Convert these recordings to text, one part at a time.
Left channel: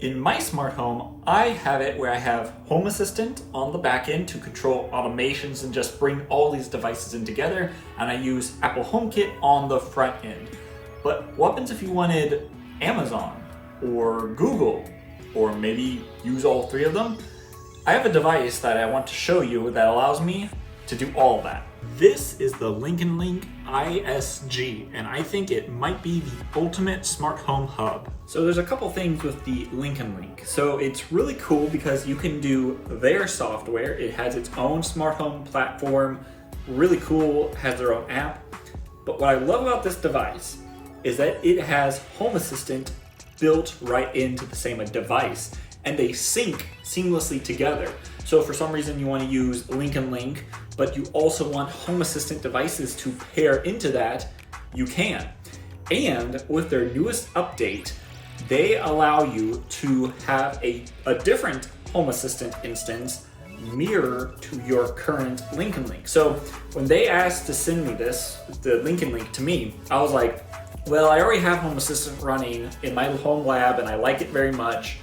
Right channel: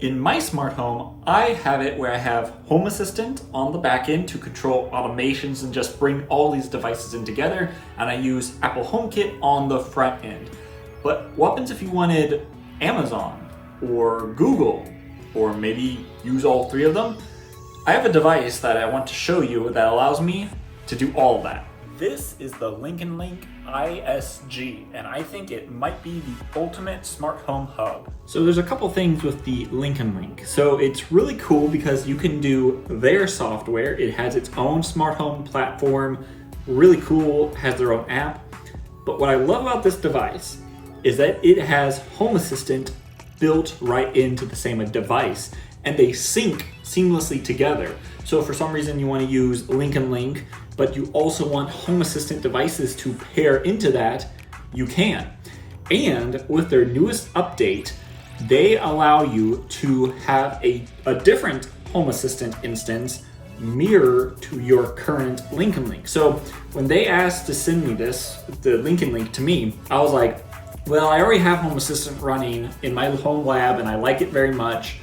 In my smart home, I have it where I have Home Assistant on the back end to control automations and just bring all these devices in together, and I use Apple HomeKit on the front end. But what happens if you wanted Amazon or Google, or maybe use all three of them? I have a device that I want to show you that allows me to do all of that. This is the LinknLink iSG, and I think it might be the ultimate smart home hub. So there's a couple things with the LinknLink. So it's really cool because you can do their software. It has its own smart home platform, really cool, has their own app. But what I love about this device is that it has Home Assistant built right into the same device, and they sync seamlessly together. So if for some reason you want to use LinknLink, but you also want Home Assistant devices to pair into that, you can. And with their newest update, they allow you to have a different Home Assistant instance mirror to your current LinknLink. So when they asked to send me the LinknLink to me, I was like, well, I already have Home Assistant running in my home lab and I like it very much.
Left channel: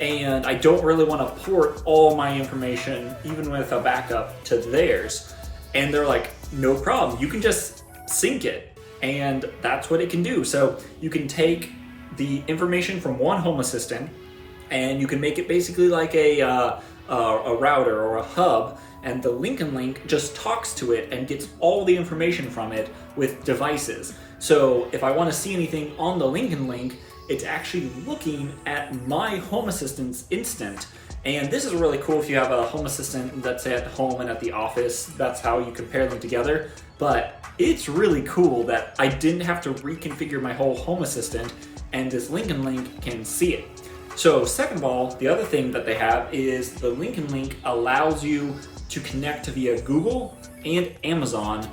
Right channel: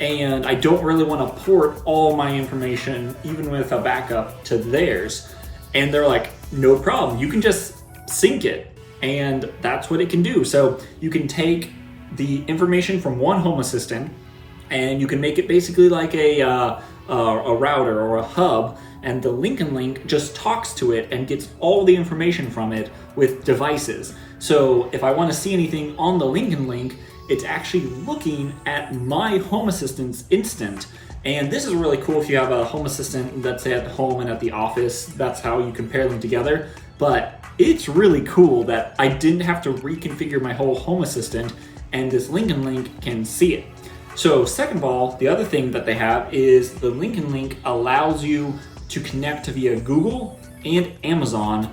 And I don't really want to port all my information, even with a backup, to theirs. And they're like, no problem, you can just sync it. And that's what it can do. So you can take the information from one Home Assistant and you can make it basically like a router or a hub, and the LinknLink just talks to it and gets all the information from it with devices. So if I want to see anything on the LinknLink, it's actually looking at my Home Assistant's instant. And this is really cool if you have a Home Assistant that's at home and at the office. That's how you can pair them together. But it's really cool that I didn't have to reconfigure my whole Home Assistant, and this LinknLink can see it. So second of all, the other thing that they have is the LinknLink allows you to connect via Google and Amazon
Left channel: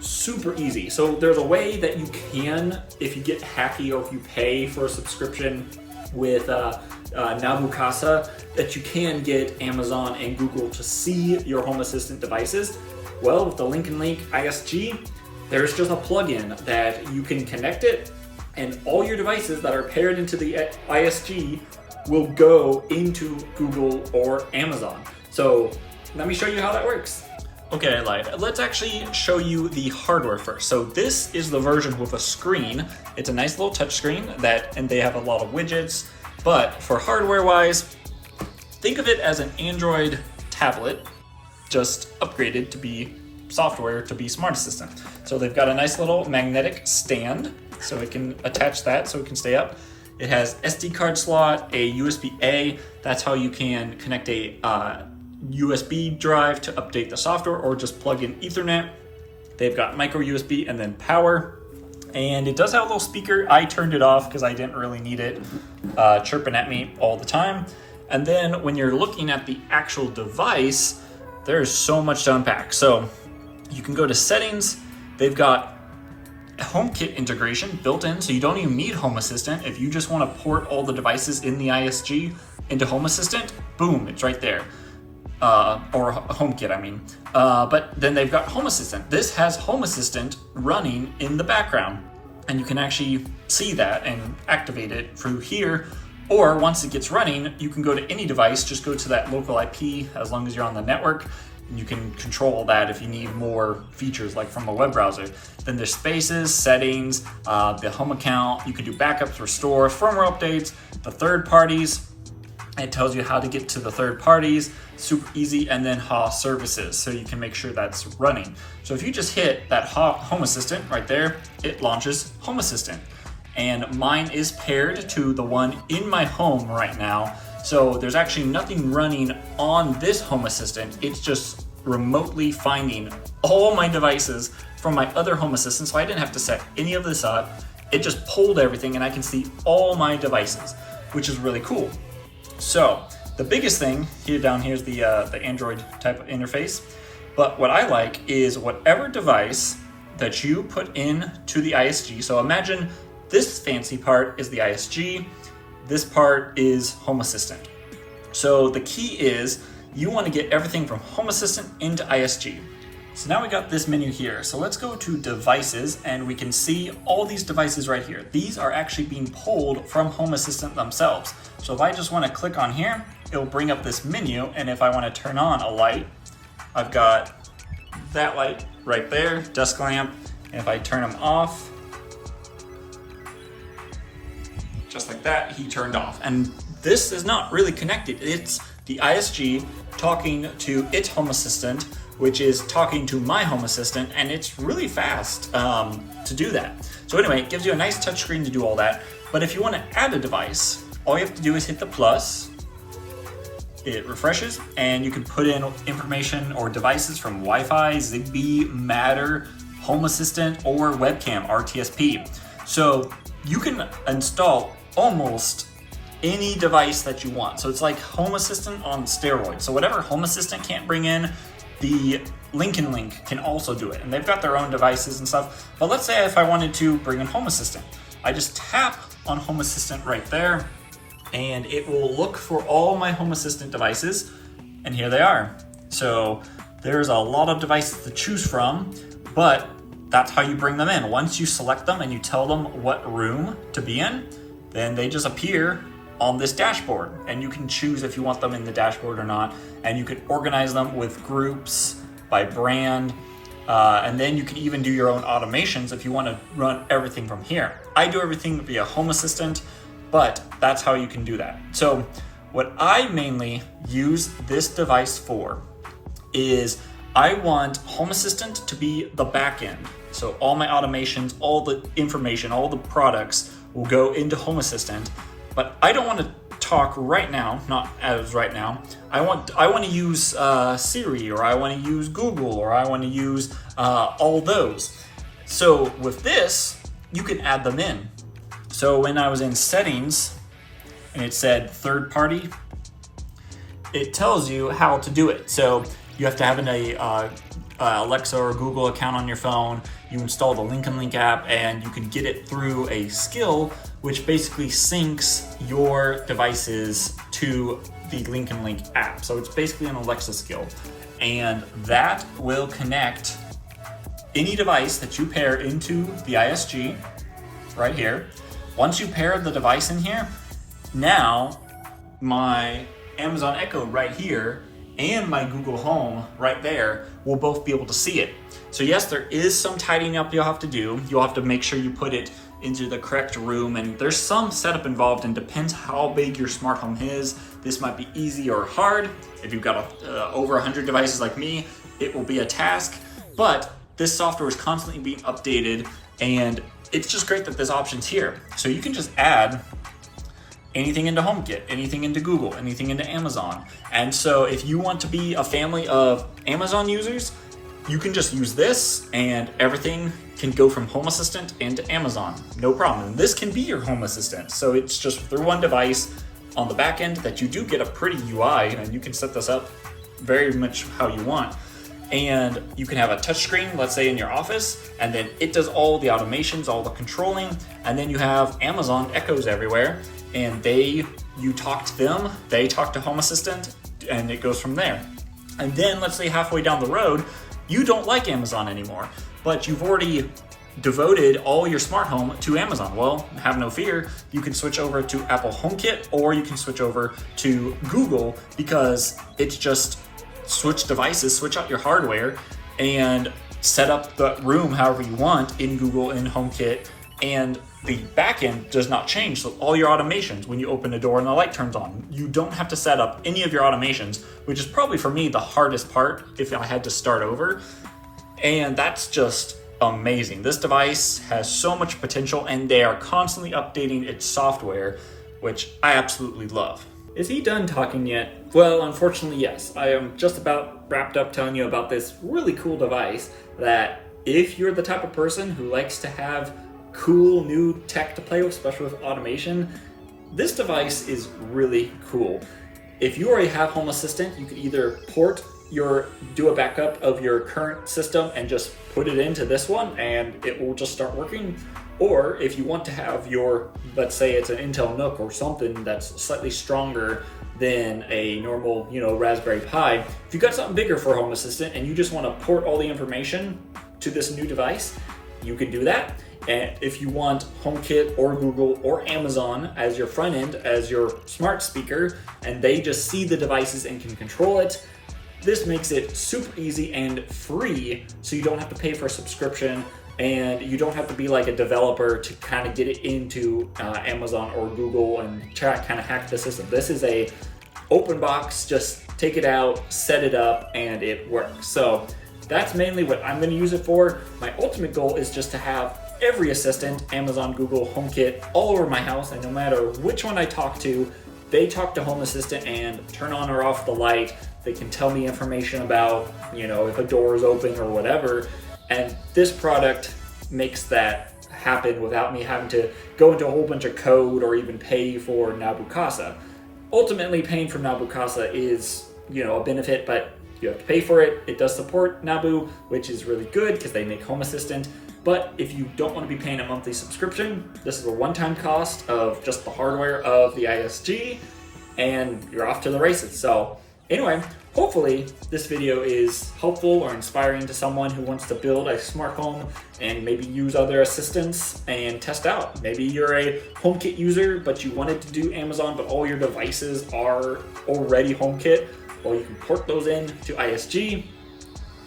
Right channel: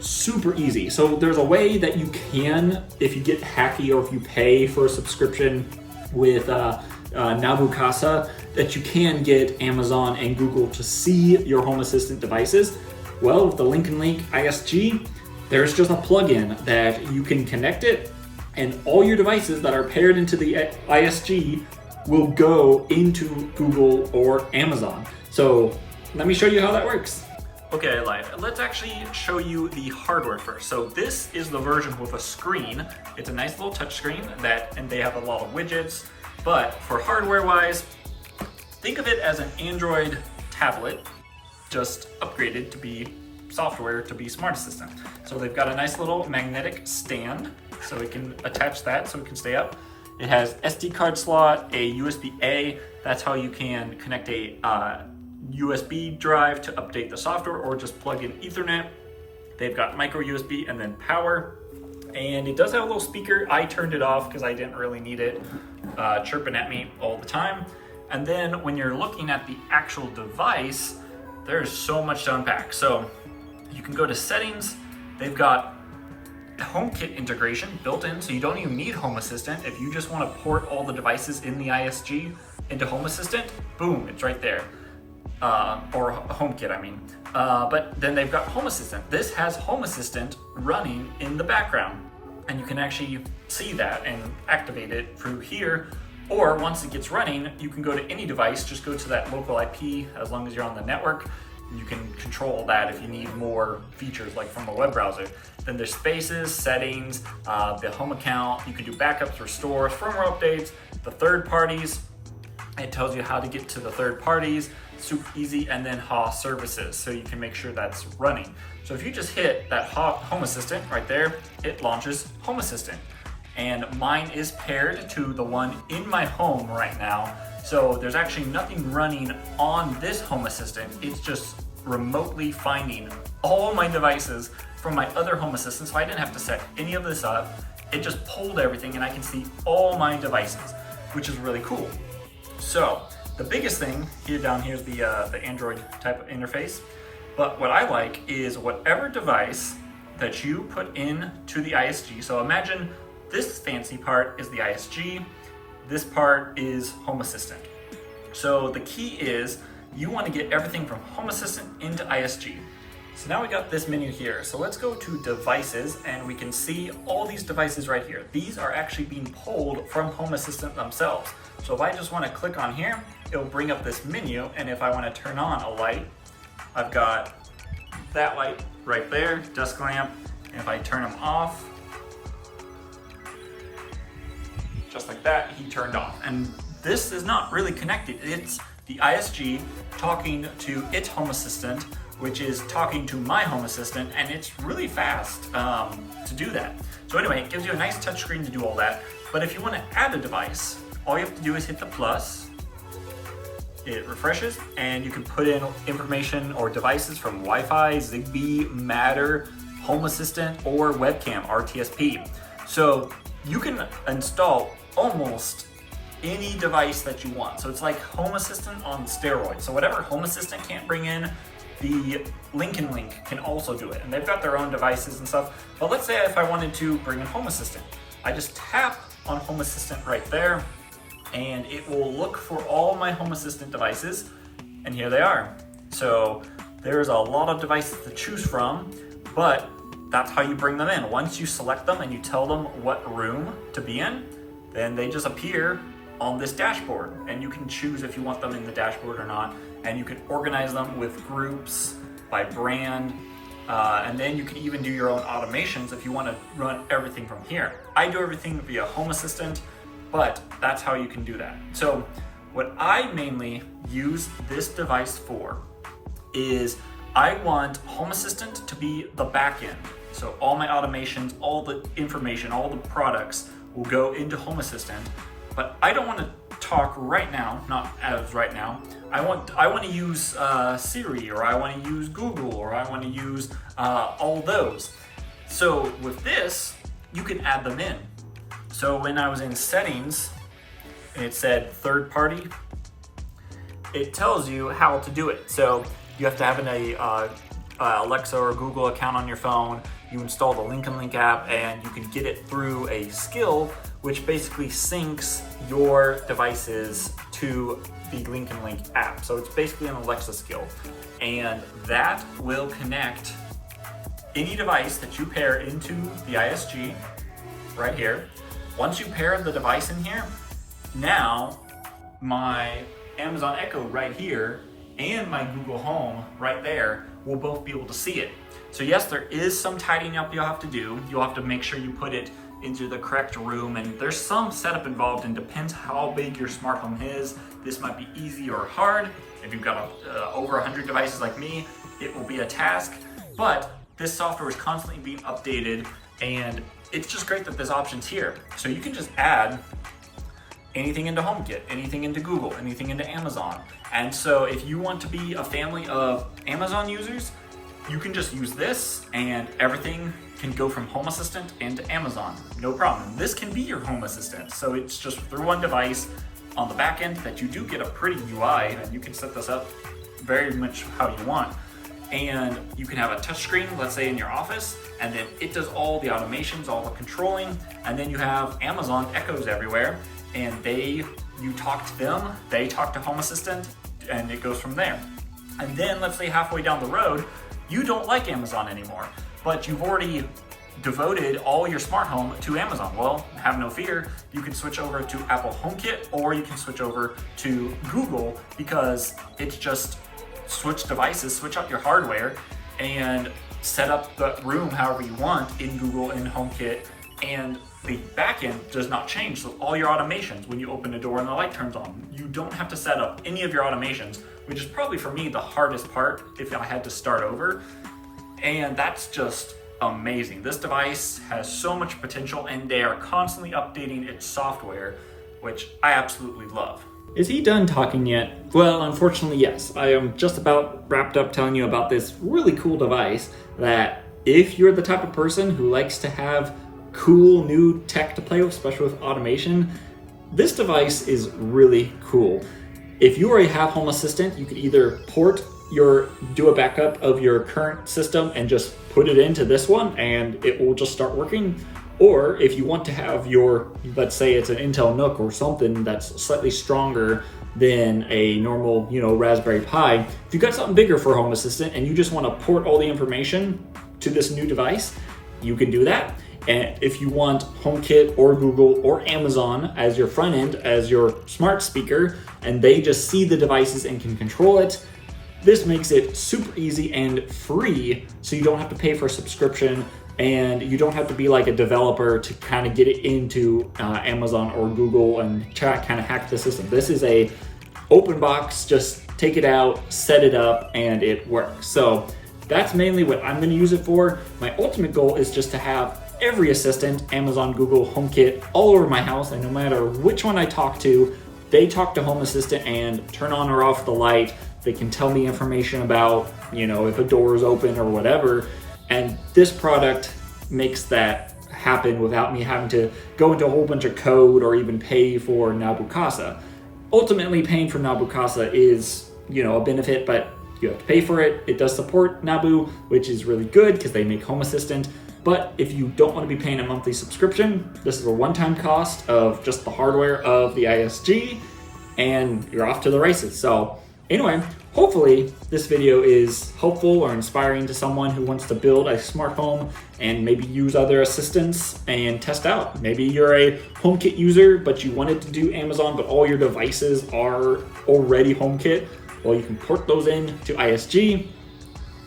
super easy. So there's a way that you can, if you get hacky or if you pay for a subscription with Nabu Casa, that you can get Amazon and Google to see your Home Assistant devices. Well, with the LinknLink iSG, there's just a plugin that you can connect it, and all your devices that are paired into the iSG will go into Google or Amazon. So let me show you how that works. Okay, let's actually show you the hardware first. So this is the version with a screen. It's a nice little touch screen and they have a lot of widgets, but for hardware wise, think of it as an Android tablet, just upgraded to be software to be Smart Assistant. So they've got a nice little magnetic stand, so it can attach that so it can stay up. It has SD card slot, a USB-A, that's how you can connect a USB drive to update the software, or just plug in Ethernet. They've got micro USB and then power, and it does have a little speaker. I turned it off because I didn't really need it chirping at me all the time. And then when you're looking at the actual device, there's so much to unpack. So you can go to settings. They've got HomeKit integration built in, so you don't even need Home Assistant. If you just want to port all the devices in the iSG into Home Assistant, boom, it's right there. Or HomeKit, I mean. But then they've got Home Assistant. This has Home Assistant running in the background, and you can actually see that and activate it through here. Or once it gets running, you can go to any device, just go to that local IP as long as you're on the network. You can control that if you need more features like from a web browser. Then there's spaces, settings, the home account. You can do backups, restore, firmware updates, the third parties. It tells you how to get to the third parties, super easy, and then HA services, so you can make sure that's running. So if you just hit that Home Assistant right there, it launches Home Assistant. And mine is paired to the one in my home right now. So there's actually nothing running on this Home Assistant. It's just remotely finding all my devices from my other Home Assistant. So I didn't have to set any of this up. It just pulled everything and I can see all my devices, which is really cool. So the biggest thing down here is the Android type of interface. But what I like is whatever device that you put in to the iSG. So imagine this fancy part is the iSG. This part is Home Assistant. So the key is you want to get everything from Home Assistant into iSG. So now we got this menu here. So let's go to devices and we can see all these devices right here. These are actually being pulled from Home Assistant themselves. So if I just want to click on here, it'll bring up this menu. And if I want to turn on a light, I've got that light right there, desk lamp. And if I turn them off, just like that, he turned off. And this is not really connected. It's the iSG talking to its Home Assistant, which is talking to my Home Assistant, and it's really fast to do that. So anyway, it gives you a nice touchscreen to do all that. But if you want to add a device, all you have to do is hit the plus. It refreshes, and you can put in information or devices from Wi-Fi, Zigbee, Matter, Home Assistant, or webcam, RTSP. So you can install almost any device that you want. So it's like Home Assistant on steroids. So whatever Home Assistant can't bring in, the LinknLink can also do it. And they've got their own devices and stuff. But let's say if I wanted to bring in Home Assistant, I just tap on Home Assistant right there, and it will look for all my Home Assistant devices, and here they are. So there's a lot of devices to choose from, but that's how you bring them in. Once you select them and you tell them what room to be in, then they just appear on this dashboard, and you can choose if you want them in the dashboard or not, and you can organize them with groups by brand, and then you can even do your own automations if you want to run everything from here. I do everything via Home Assistant, but that's how you can do that. So what I mainly use this device for is I want Home Assistant to be the back end. So all my automations, all the information, all the products will go into Home Assistant. But I don't want to talk right now, not as right now. I want to use Siri, or I want to use Google, or I want to use all those. So with this, you can add them in. So when I was in settings and it said third party, it tells you how to do it. So you have to have an Alexa or Google account on your phone. You install the LinknLink app, and you can get it through a skill, which basically syncs your devices to the LinknLink app. So it's basically an Alexa skill, and that will connect any device that you pair into the iSG right here. Once you pair the device in here, now my Amazon Echo right here and my Google Home right there will both be able to see it. So yes, there is some tidying up you'll have to do. You'll have to make sure you put it into the correct room, and there's some setup involved, and depends how big your smart home is. This might be easy or hard. If you've got over 100 devices like me, it will be a task, but this software is constantly being updated, and it's just great that this option's here. So you can just add anything into HomeKit, anything into Google, anything into Amazon. And so if you want to be a family of Amazon users, you can just use this, and everything can go from Home Assistant into Amazon, no problem. This can be your Home Assistant. So it's just through one device on the back end that you do get a pretty UI, and you can set this up very much how you want. And you can have a touchscreen, let's say in your office, and then it does all the automations, all the controlling, and then you have Amazon Echoes everywhere, and you talk to them, they talk to Home Assistant, and it goes from there. And then let's say halfway down the road, you don't like Amazon anymore, but you've already devoted all your smart home to Amazon. Well, have no fear, you can switch over to Apple HomeKit, or you can switch over to Google, because it's just switch devices, switch out your hardware, and set up the room however you want in Google, in HomeKit, and the backend does not change. So all your automations, when you open a door and the light turns on, you don't have to set up any of your automations, which is probably for me the hardest part if I had to start over. And that's just amazing. This device has so much potential, and they are constantly updating its software, which I absolutely love. Is he done talking yet? Well, unfortunately, yes. I am just about wrapped up telling you about this really cool device that if you're the type of person who likes to have cool new tech to play with, especially with automation, this device is really cool. If you already have Home Assistant, you can either do a backup of your current system and just put it into this one and it will just start working. Or if you want to have let's say it's an Intel NUC or something that's slightly stronger than a normal, Raspberry Pi. If you've got something bigger for Home Assistant and you just want to port all the information to this new device, you can do that. And if you want HomeKit or Google or Amazon as your front end, as your smart speaker, and they just see the devices and can control it, this makes it super easy and free, so you don't have to pay for a subscription, and you don't have to be like a developer to kind of get it into Amazon or Google and try to kind of hack the system. This is a open box, just take it out, set it up, and it works. So that's mainly what I'm going to use it for. My ultimate goal is just to have every assistant, Amazon, Google, HomeKit, all over my house, and no matter which one I talk to, they talk to Home Assistant and turn on or off the light. They can tell me information about, if a door is open or whatever. And this product makes that happen without me having to go into a whole bunch of code or even pay for Nabu Casa. Ultimately, paying for Nabu Casa is, a benefit, but you have to pay for it. It does support Nabu, which is really good because they make Home Assistant. But if you don't want to be paying a monthly subscription, this is a one-time cost of just the hardware of the iSG, and you're off to the races. So anyway, hopefully this video is helpful or inspiring to someone who wants to build a smart home and maybe use other assistants and test out. Maybe you're a HomeKit user, but you wanted to do Amazon, but all your devices are already HomeKit. Well, you can port those in to iSG,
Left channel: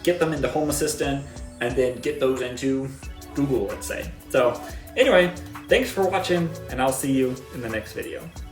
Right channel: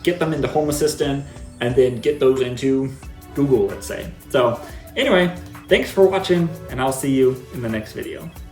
get them into Home Assistant, and then get those into Google, let's say. So anyway, thanks for watching, and I'll see you in the next video.